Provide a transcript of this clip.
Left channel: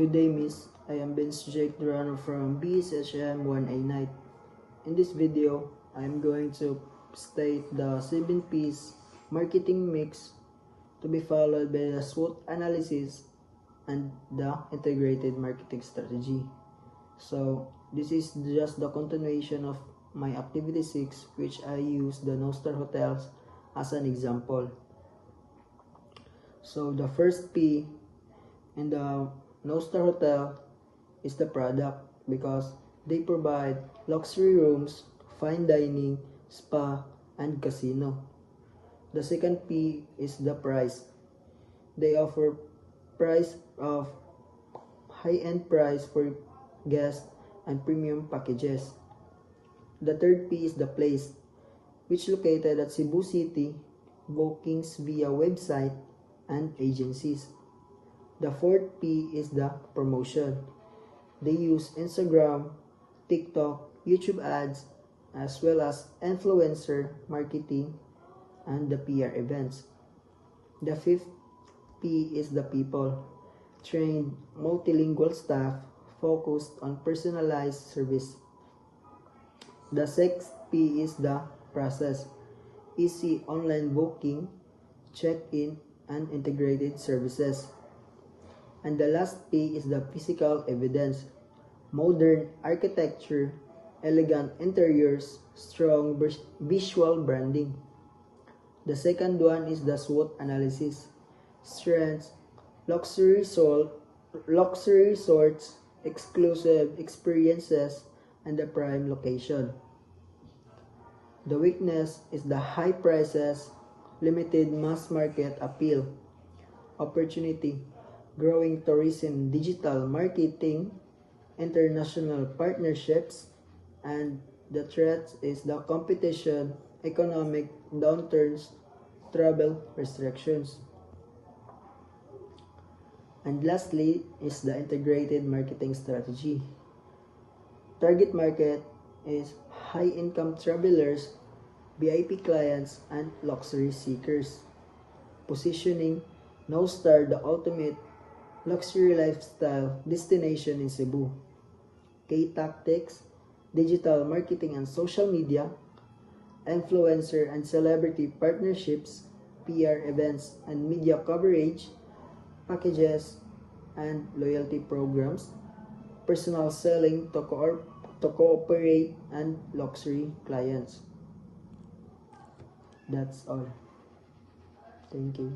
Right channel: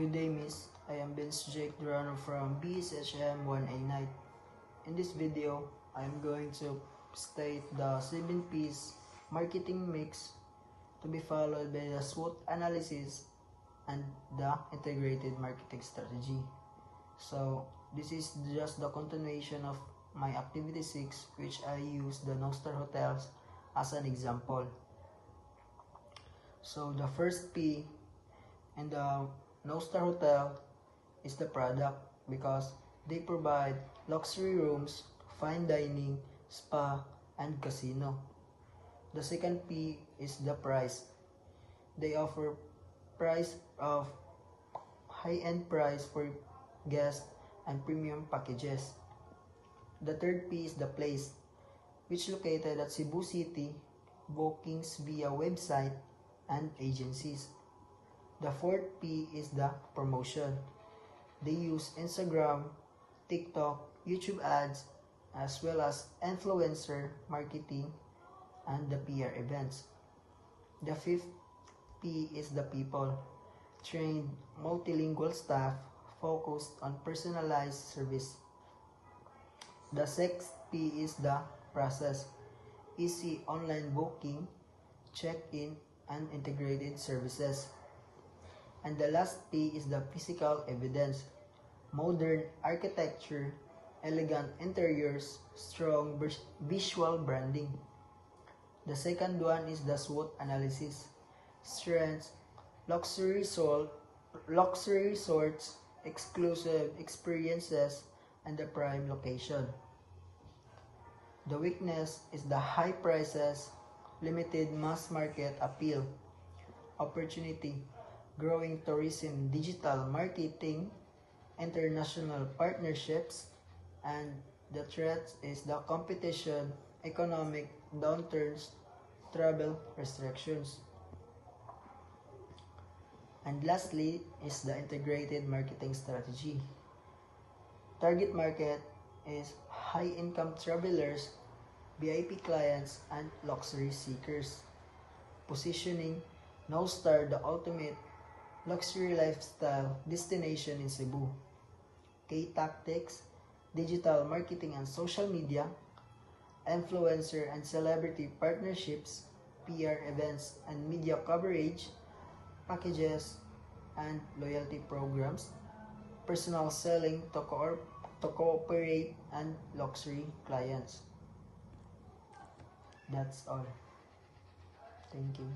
Good day, Miss. I am Vince Jake Durano from BSHM 1A Night. In this video, I am going to state the 7 P's marketing mix to be followed by the SWOT analysis and the integrated marketing strategy. So, this is just the continuation of my activity 6, which I use the No-Star Hotels as an example. So, the first P in the No-Star Hotel is the product, because they provide luxury rooms, fine dining, spa, and casino. The second P is the price. They offer price of high-end price for guests and premium packages. The third P is the place, which located at Cebu City, bookings via website and agencies. The fourth P is the promotion. They use Instagram, TikTok, YouTube ads, as well as influencer marketing and the PR events. The fifth P is the people. Trained multilingual staff focused on personalized service. The sixth P is the process. Easy online booking, check-in, and integrated services. And the last P is the physical evidence. Modern architecture, elegant interiors, strong visual branding. The second one is the SWOT analysis. Strengths, luxury resorts, exclusive experiences, and the prime location. The weakness is the high prices, limited mass market appeal. Opportunity, growing tourism, digital marketing, international partnerships, and the threat is the competition, economic downturns, travel restrictions. And lastly is the integrated marketing strategy. Target market is high-income travelers, VIP clients, and luxury seekers. Positioning No-Star the ultimate luxury lifestyle destination in Cebu. K-tactics, digital marketing and social media, influencer and celebrity partnerships, PR events and media coverage, packages and loyalty programs, personal selling to cooperate, and luxury clients. That's all. Thank you.